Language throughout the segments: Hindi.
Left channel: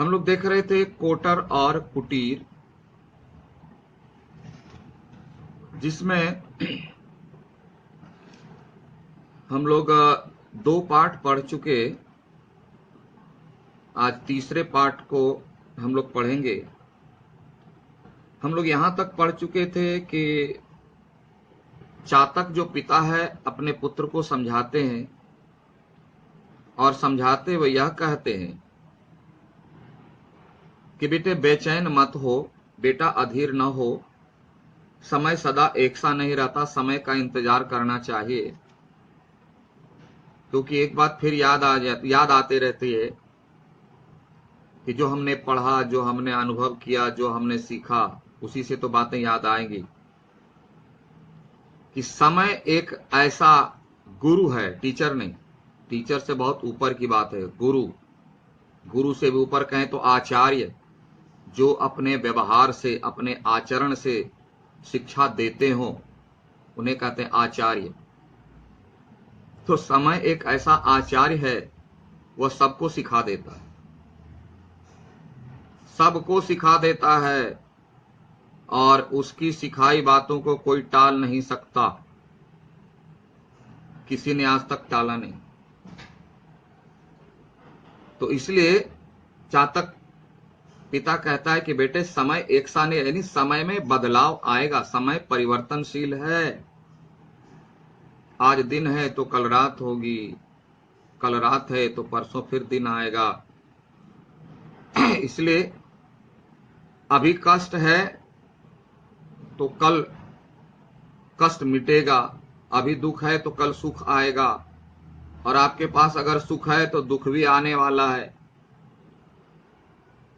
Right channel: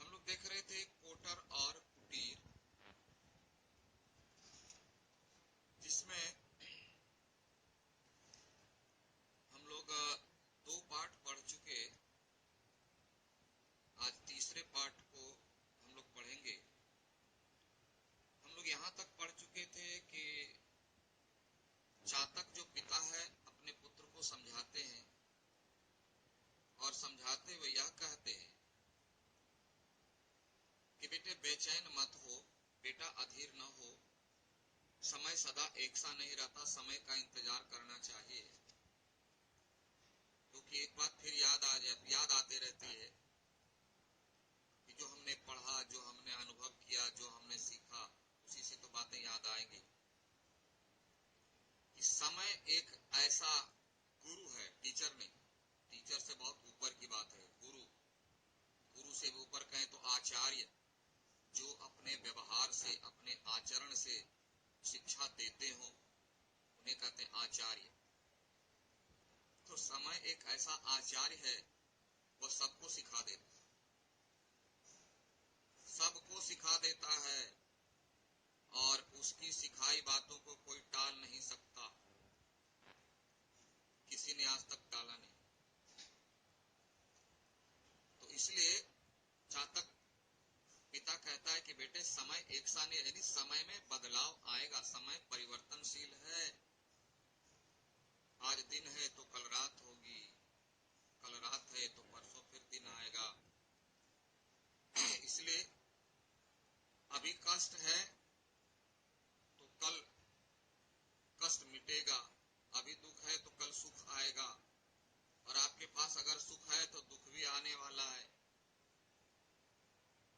हम लोग देख रहे थे कोटर और कुटीर, जिसमें हम लोग 2 पार्ट पढ़ चुके। आज तीसरे पार्ट को हम लोग पढ़ेंगे। हम लोग यहां तक पढ़ चुके थे कि चातक जो पिता है अपने पुत्र को समझाते हैं और समझाते हुए यह कहते हैं कि बेटे बेचैन मत हो, बेटा अधीर न हो, समय सदा एक सा नहीं रहता, समय का इंतजार करना चाहिए। क्योंकि एक बात फिर याद आते रहती है कि जो हमने पढ़ा, जो हमने अनुभव किया, जो हमने सीखा, उसी से तो बातें याद आएंगी कि समय एक ऐसा गुरु है, टीचर नहीं। टीचर से बहुत ऊपर की बात है। गुरु से भी ऊपर कहें तो आचार्य, जो अपने व्यवहार से, अपने आचरण से शिक्षा देते हो, उन्हें कहते हैं आचार्य। तो समय एक ऐसा आचार्य है, वह सबको सिखा देता है, सबको सिखा देता है, और उसकी सिखाई बातों को कोई टाल नहीं सकता। किसी ने आज तक टाला नहीं। तो इसलिए चातक पिता कहता है कि बेटे समय एक सा नहीं, यानी समय में बदलाव आएगा, समय परिवर्तनशील है। आज दिन है तो कल रात होगी, कल रात है तो परसों फिर दिन आएगा। इसलिए अभी कष्ट है तो कल कष्ट मिटेगा, अभी दुख है तो कल सुख आएगा, और आपके पास अगर सुख है तो दुख भी आने वाला है।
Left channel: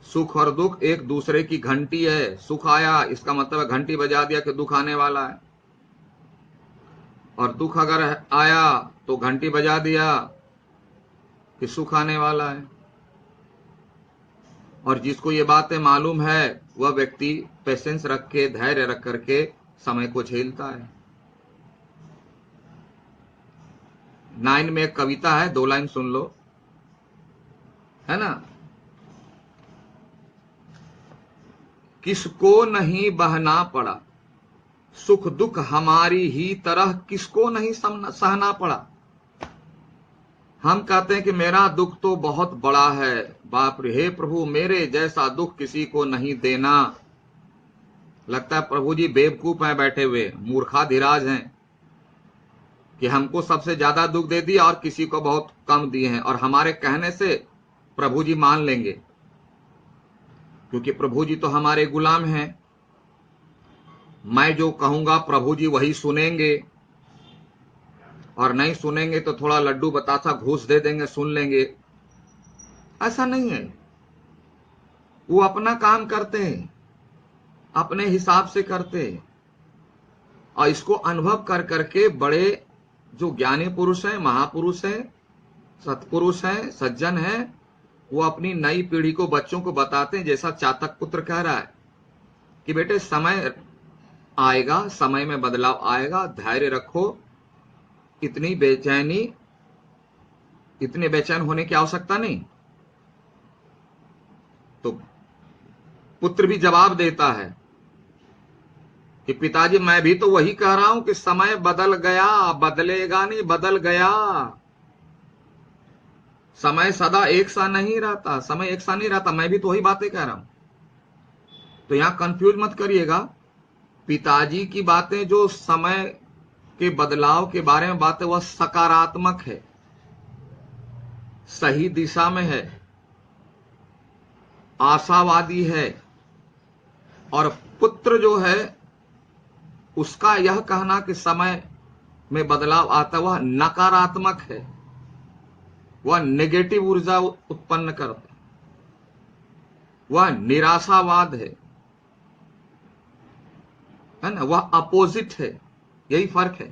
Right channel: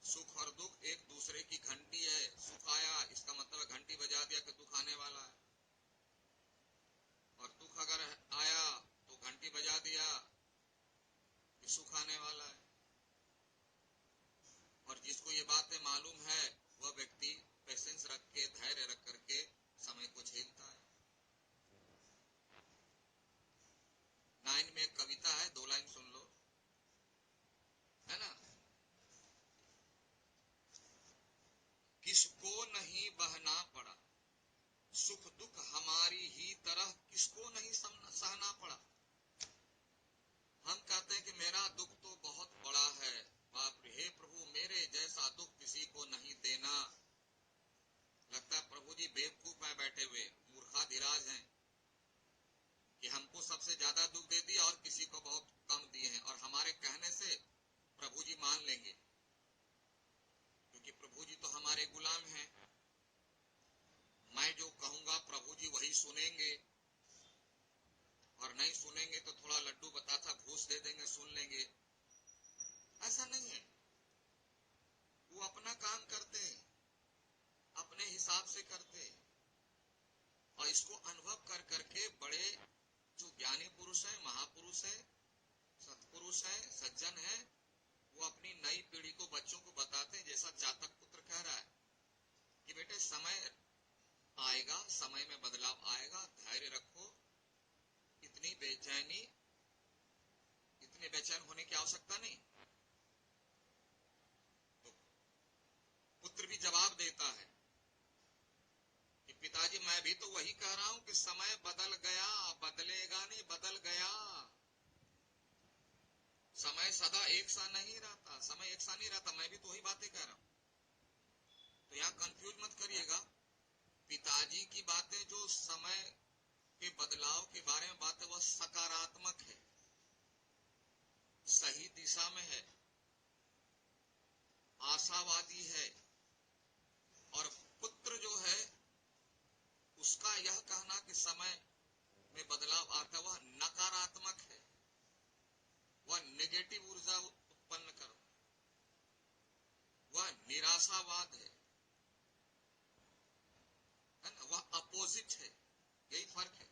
सुख और दुख एक दूसरे की घंटी है। सुख आया इसका मतलब घंटी बजा दिया कि दुख आने वाला है, और दुख अगर आया तो घंटी बजा दिया कि सुख आने वाला है। और जिसको ये बातें मालूम है वह व्यक्ति पेशेंस रख के, धैर्य रख करके समय को झेलता है। 9 में एक कविता है, 2 लाइन सुन लो, है ना। किसको नहीं बहना पड़ा, सुख दुख हमारी ही तरह किसको नहीं सहना पड़ा। हम कहते हैं कि मेरा दुख तो बहुत बड़ा है, बाप रे, हे प्रभु मेरे जैसा दुख किसी को नहीं देना। लगता है प्रभु जी बेवकूफ हैं बैठे हुए, मूर्खाधिराज हैं कि हमको सबसे ज्यादा दुख दे दिया और किसी को बहुत कम दिए हैं, और हमारे कहने से प्रभु जी मान लेंगे, क्योंकि प्रभु जी तो हमारे गुलाम हैं। मैं जो कहूंगा प्रभु जी वही सुनेंगे, और नहीं सुनेंगे तो थोड़ा लड्डू बतासा घूस दे देंगे, सुन लेंगे। ऐसा नहीं है। वो अपना काम करते हैं, अपने हिसाब से करते हैं, और इसको अनुभव कर करके बड़े जो ज्ञानी पुरुष हैं, महापुरुष हैं, सत्पुरुष हैं, सज्जन हैं, वो अपनी नई पीढ़ी को, बच्चों को बताते हैं। जैसा चातक पुत्र कह रहा है कि बेटे समय आएगा, समय में बदलाव आएगा, धैर्य रखो, इतनी इतने बेचैन होने की आवश्यकता नहीं। तो पुत्र भी जवाब देता है कि पिताजी मैं भी तो वही कह रहा हूं कि समय बदल गया, बदलेगा नहीं, बदल गया। समय सदा एक सा नहीं रहता, समय एक सा नहीं रहता, मैं भी तो वही बातें कह रहा हूं। तो यहां कंफ्यूज मत करिएगा। पिताजी की बातें जो समय के बदलाव के बारे में बातें, वह सकारात्मक है, सही दिशा में है, आशावादी है। और पुत्र जो है उसका यह कहना कि समय में बदलाव आता, वह नकारात्मक है, वह नेगेटिव ऊर्जा उत्पन्न करता, वह निराशावाद है ना, वह अपोजिट है। यही फर्क है।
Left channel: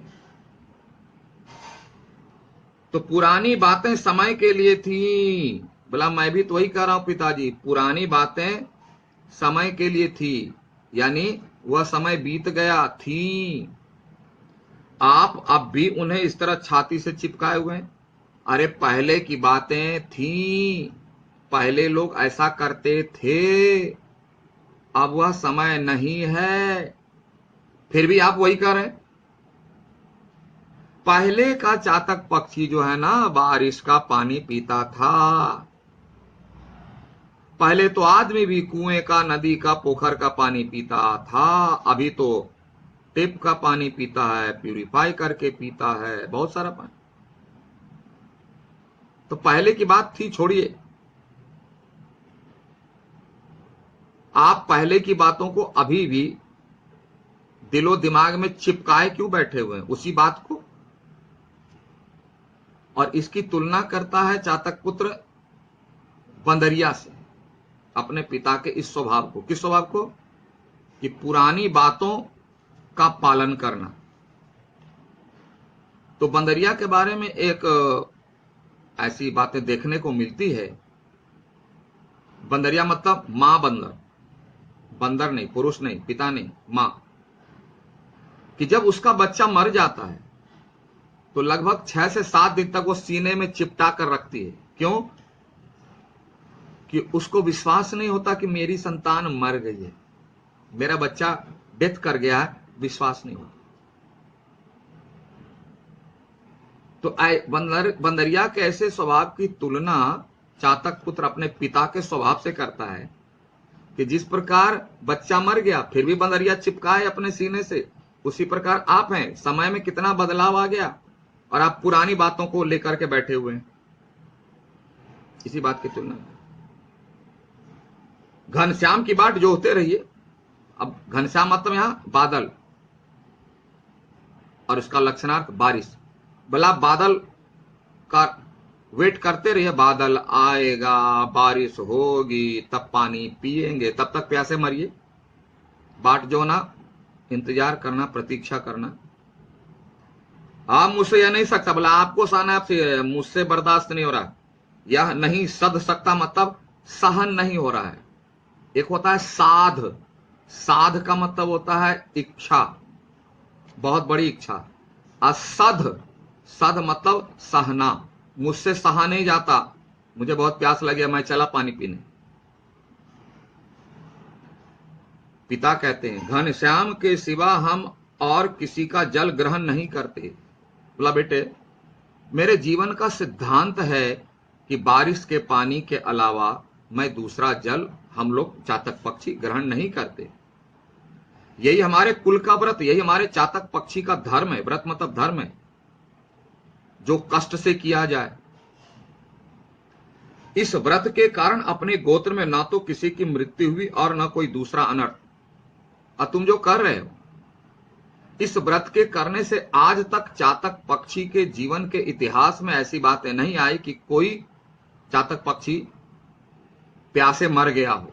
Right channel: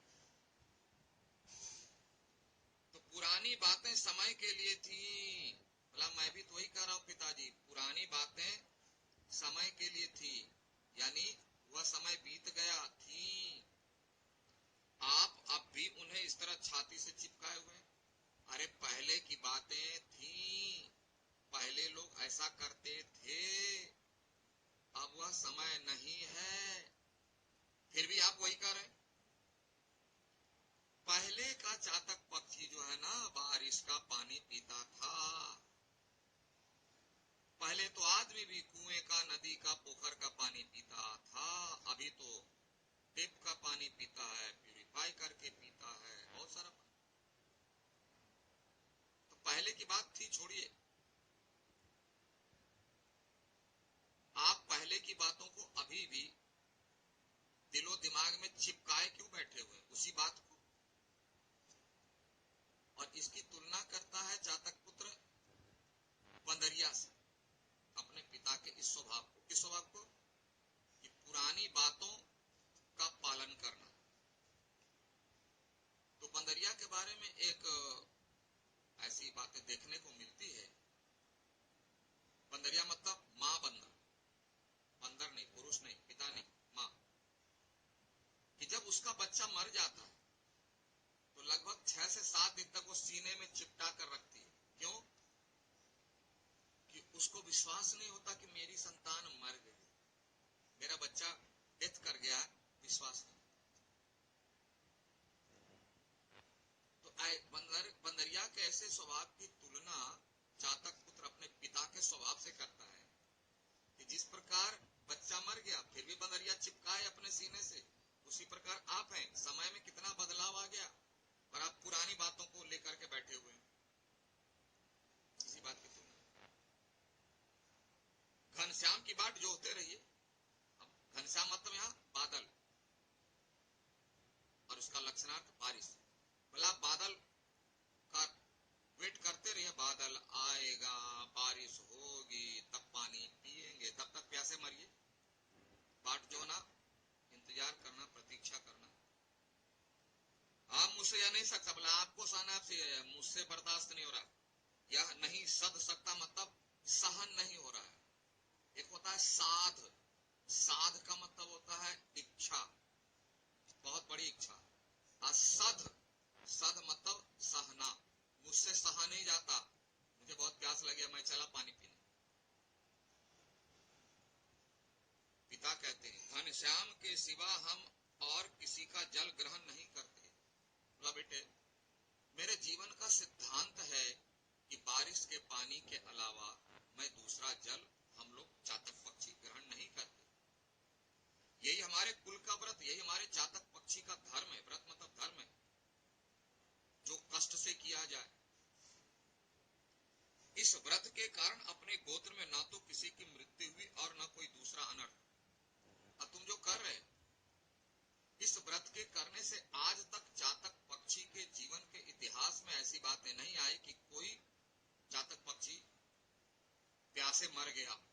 तो पुरानी बातें समय के लिए थी। बोला मैं भी तो वही कह रहा हूं पिताजी, पुरानी बातें समय के लिए थी, यानी वह समय बीत गया थी। आप अब भी उन्हें इस तरह छाती से चिपकाए हुए हैं। अरे पहले की बातें थी, पहले लोग ऐसा करते थे, अब वह समय नहीं है। फिर भी आप वही कर रहे हैं। पहले का चातक पक्षी जो है ना, बारिश का पानी पीता था। पहले तो आदमी भी कुएं का, नदी का, पोखर का पानी पीता था। अभी तो टेप का पानी पीता है, प्यूरिफाई करके पीता है, बहुत सारा पानी। तो पहले की बात थी, छोड़िए। आप पहले की बातों को अभी भी दिलो दिमाग में चिपकाए क्यों बैठे हुए हैं उसी बात को। और इसकी तुलना करता है चातक पुत्र बंदरिया से, अपने पिता के इस स्वभाव को। किस स्वभाव को? कि पुरानी बातों का पालन करना। तो बंदरिया के बारे में एक ऐसी बातें देखने को मिलती है। बंदरिया मतलब मां बंदर, बंदर नहीं, पुरुष नहीं, पिता नहीं, मां। कि जब उसका बच्चा मर जाता है तो लगभग 6 से 7 दिन तक वो सीने में चिपटा कर रखती है। क्यों? कि उसको विश्वास नहीं होता कि मेरी संतान मर गई है, मेरा बच्चा डेथ कर गया है, विश्वास नहीं होता। तो बंदरिया के ऐसे स्वभाव की तुलना चातक पुत्र अपने पिता के स्वभाव से करता है कि जिस प्रकार बच्चा मर गया फिर भी बंदरिया चिपकाए अपने सीने से, उसी प्रकार आप हैं। समय में कितना बदलाव आ गया और आप पुरानी बातों को लेकर के बैठे हुए हैं। इसी बात की तुलना। घनश्याम की बाट जोहते रहिए। अब घनश्याम मतलब यहां बादल, और उसका लक्षणार्थ बारिश। भला बादल का वेट करते रहिए, बादल आएगा, बारिश होगी, तब पानी पिएंगे, तब तक प्यासे मरिए। बाट जो ना, इंतजार करना, प्रतीक्षा करना। आप मुझसे यह नहीं सकता, बोला आपको सहना, आपसे मुझसे बर्दाश्त नहीं हो रहा, यह नहीं सध सकता मतलब सहन नहीं हो रहा है। एक होता है साध, साध का मतलब होता है इच्छा, बहुत बड़ी इच्छा। असध, सध मतलब सहना, मुझसे सहा नहीं जाता, मुझे बहुत प्यास लगे, मैं चला पानी पीने। पिता कहते हैं घनश्याम के सिवा हम और किसी का जल ग्रहण नहीं करते। बोला बेटे, मेरे जीवन का सिद्धांत है कि बारिश के पानी के अलावा मैं दूसरा जल, हम लोग चातक पक्षी ग्रहण नहीं करते। यही हमारे कुल का व्रत, यही हमारे चातक पक्षी का धर्म है। व्रत मतलब धर्म है, जो कष्ट से किया जाए। इस व्रत के कारण अपने गोत्र में ना तो किसी की मृत्यु हुई और ना कोई दूसरा अनर्थ। और तुम जो कर रहे हो, इस व्रत के करने से आज तक चातक पक्षी के जीवन के इतिहास में ऐसी बातें नहीं आई कि कोई चातक पक्षी प्यासे मर गया हो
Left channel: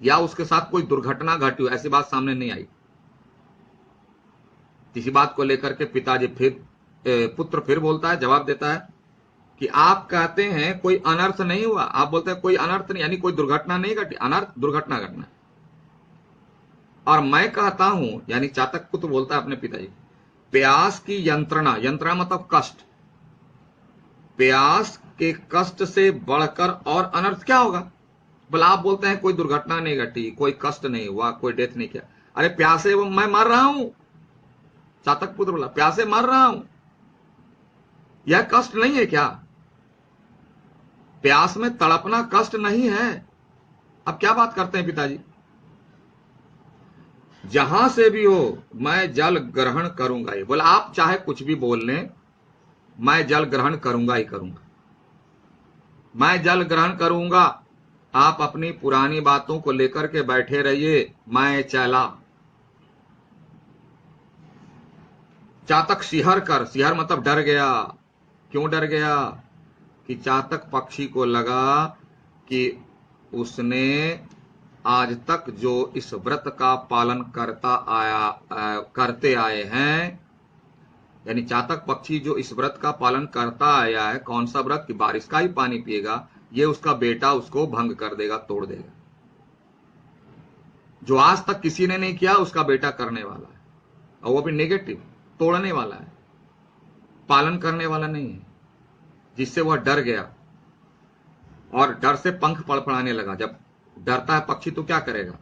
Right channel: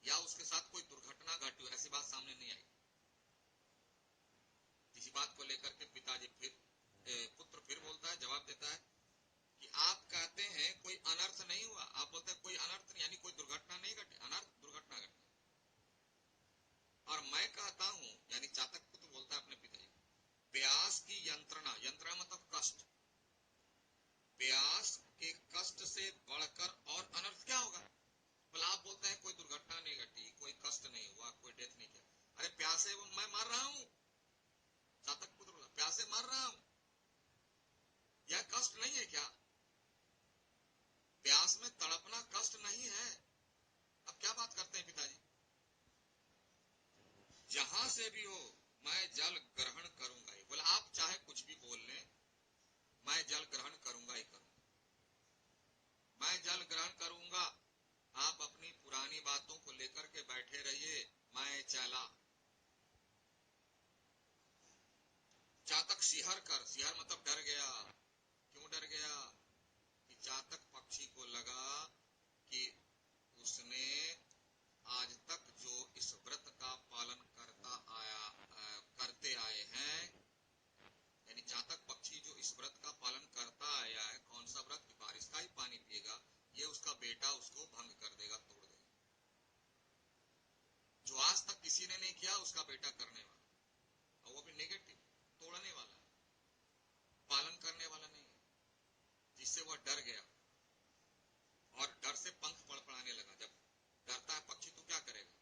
या उसके साथ कोई दुर्घटना घटी हो, ऐसी बात सामने नहीं आई। इसी बात को लेकर के पिताजी पुत्र फिर बोलता है, जवाब देता है कि आप कहते हैं कोई अनर्थ नहीं हुआ, आप बोलते हैं कोई अनर्थ नहीं, यानी कोई दुर्घटना नहीं घटी। अनर्थ दुर्घटना घटना। और मैं कहता हूं, यानी चातक पुत्र बोलता है अपने पिताजी, प्यास की यंत्रणा, यंत्रणा मतलब कष्ट, प्यास के कष्ट से बढ़कर और अनर्थ क्या होगा। बोला आप बोलते हैं कोई दुर्घटना नहीं घटी, कोई कष्ट नहीं हुआ, कोई डेथ नहीं किया। अरे प्यासे मैं मर रहा हूं। चातक पुत्र बोला प्यासे मर रहा हूं, यह कष्ट नहीं है क्या? प्यास में तड़पना कष्ट नहीं है। अब क्या बात करते हैं पिताजी? जहां से भी हो मैं जल ग्रहण करूंगा ही। बोला आप चाहे कुछ भी बोल लें, मैं जल ग्रहण करूंगा ही करूंगा, मैं जल ग्रहण करूंगा। आप अपनी पुरानी बातों को लेकर के बैठे रहिए, मैं चला। चातक सिहर कर, सिहर मतलब डर गया। क्यों डर गया? कि चातक पक्षी को लगा कि उसने आज तक जो इस व्रत का पालन करते आए हैं, यानी चातक पक्षी जो इस व्रत का पालन करता आया है, कौन सा व्रत? कि बारिश का ही पानी पिएगा, ये उसका बेटा उसको भंग कर देगा, तोड़ देगा। जो आज तक किसी ने नहीं किया उसका बेटा करने वाला है, और वो भी नेगेटिव, तोड़ने वाला है, पालन करने वाला नहीं है, जिससे वह डर गया। और डर से पंख फड़फड़ाने लगा। जब डरता है पक्षी तो क्या करेगा,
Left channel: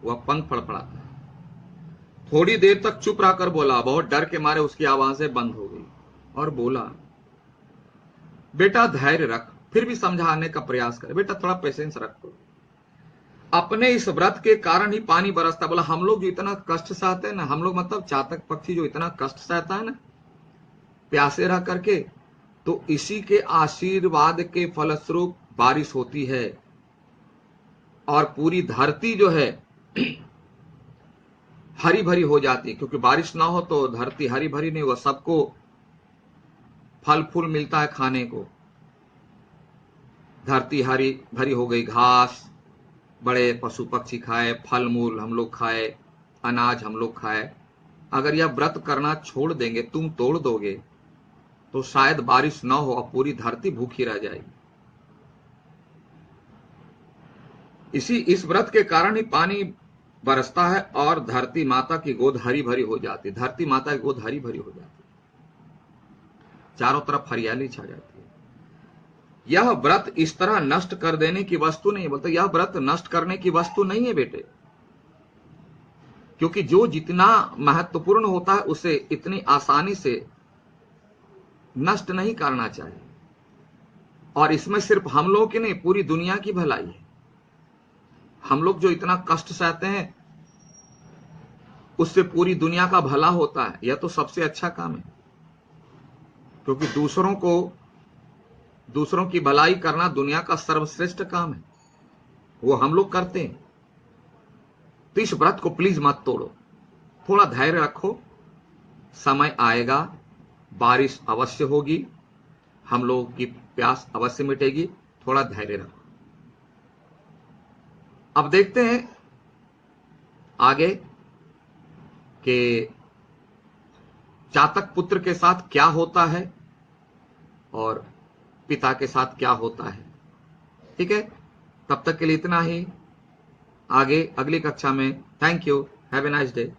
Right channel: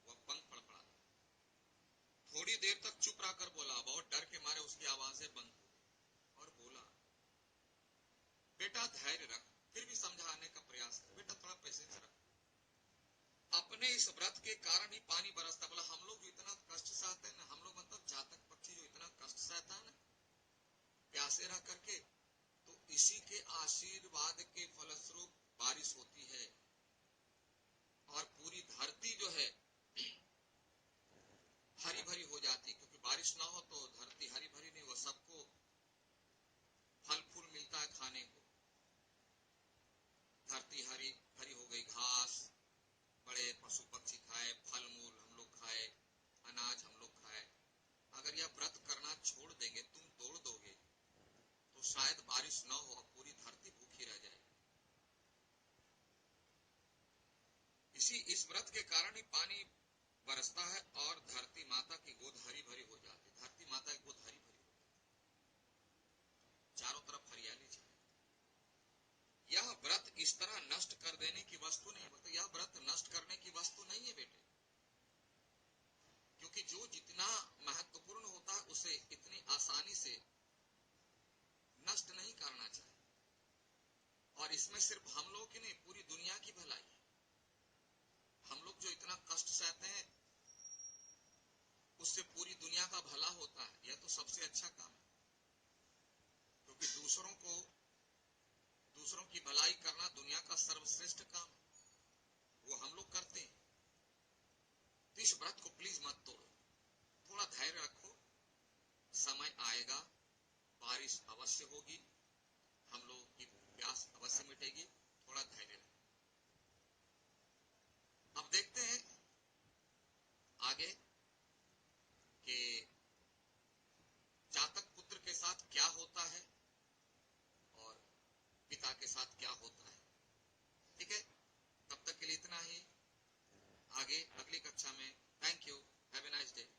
वह पंख फड़फड़ाता है। थोड़ी देर तक चुप रहकर बोला, बहुत डर के मारे उसकी आवाजें बंद हो गई, और बोला, बेटा धैर्य रख। फिर भी समझाने का प्रयास करे, बेटा थोड़ा पेशेंस रखो, अपने इस व्रत के कारण ही पानी बरसता। बोला हम लोग जो इतना कष्ट सहते हैं ना, हम लोग मतलब चातक पक्षी जो इतना कष्ट सहता है ना प्यासे रह करके, तो इसी के आशीर्वाद के फलस्वरूप बारिश होती है, और पूरी धरती जो है हरी भरी हो जाती है। क्योंकि बारिश ना हो तो धरती हरी भरी नहीं, वह सबको फल फूल मिलता है खाने को। धरती हरी भरी हो गई, घास बड़े पशु पक्षी खाए, फल मूल हम लोग खाए, अनाज हम लोग खाए। अगर यह व्रत करना छोड़ देंगे, तुम तोड़ दोगे, तो शायद बारिश ना हो और पूरी धरती भूखी रह जाएगी। इस व्रत के कारण ही पानी बरसता है और धरती माता की गोद हरी भरी हो जाती है। धरती माता की गोद हरी भरी हो जाती है, चारों तरफ हरियाली छा जाती है। यह व्रत इस तरह नष्ट कर देने की वस्तु नहीं है। बोलते यह व्रत नष्ट करने की वस्तु नहीं है बेटे, क्योंकि जो जितना महत्वपूर्ण होता है उसे इतनी आसानी से नष्ट नहीं करना चाहिए। और इसमें सिर्फ हम लोगों की नहीं, पूरी दुनिया की भलाई है। हम लोग जो इतना कष्ट सहते हैं उससे पूरी दुनिया का भला होता है। यह तो सबसे अच्छा काम है, क्योंकि दूसरों की भलाई करना दुनिया का सर्वश्रेष्ठ काम है, वो हम लोग करते हैं। तो इस व्रत को प्लीज मत तोड़ो, थोड़ा धैर्य रखो, समय आएगा, बारिश अवश्य होगी, हम लोगों की प्यास अवश्य मिटेगी, थोड़ा धैर्य रखो। अब देखते हैं आगे कि चातक पुत्र के साथ क्या होता है और पिता के साथ क्या होता है। ठीक है, तब तक के लिए इतना ही, आगे अगली कक्षा में। Thank you, have a nice day.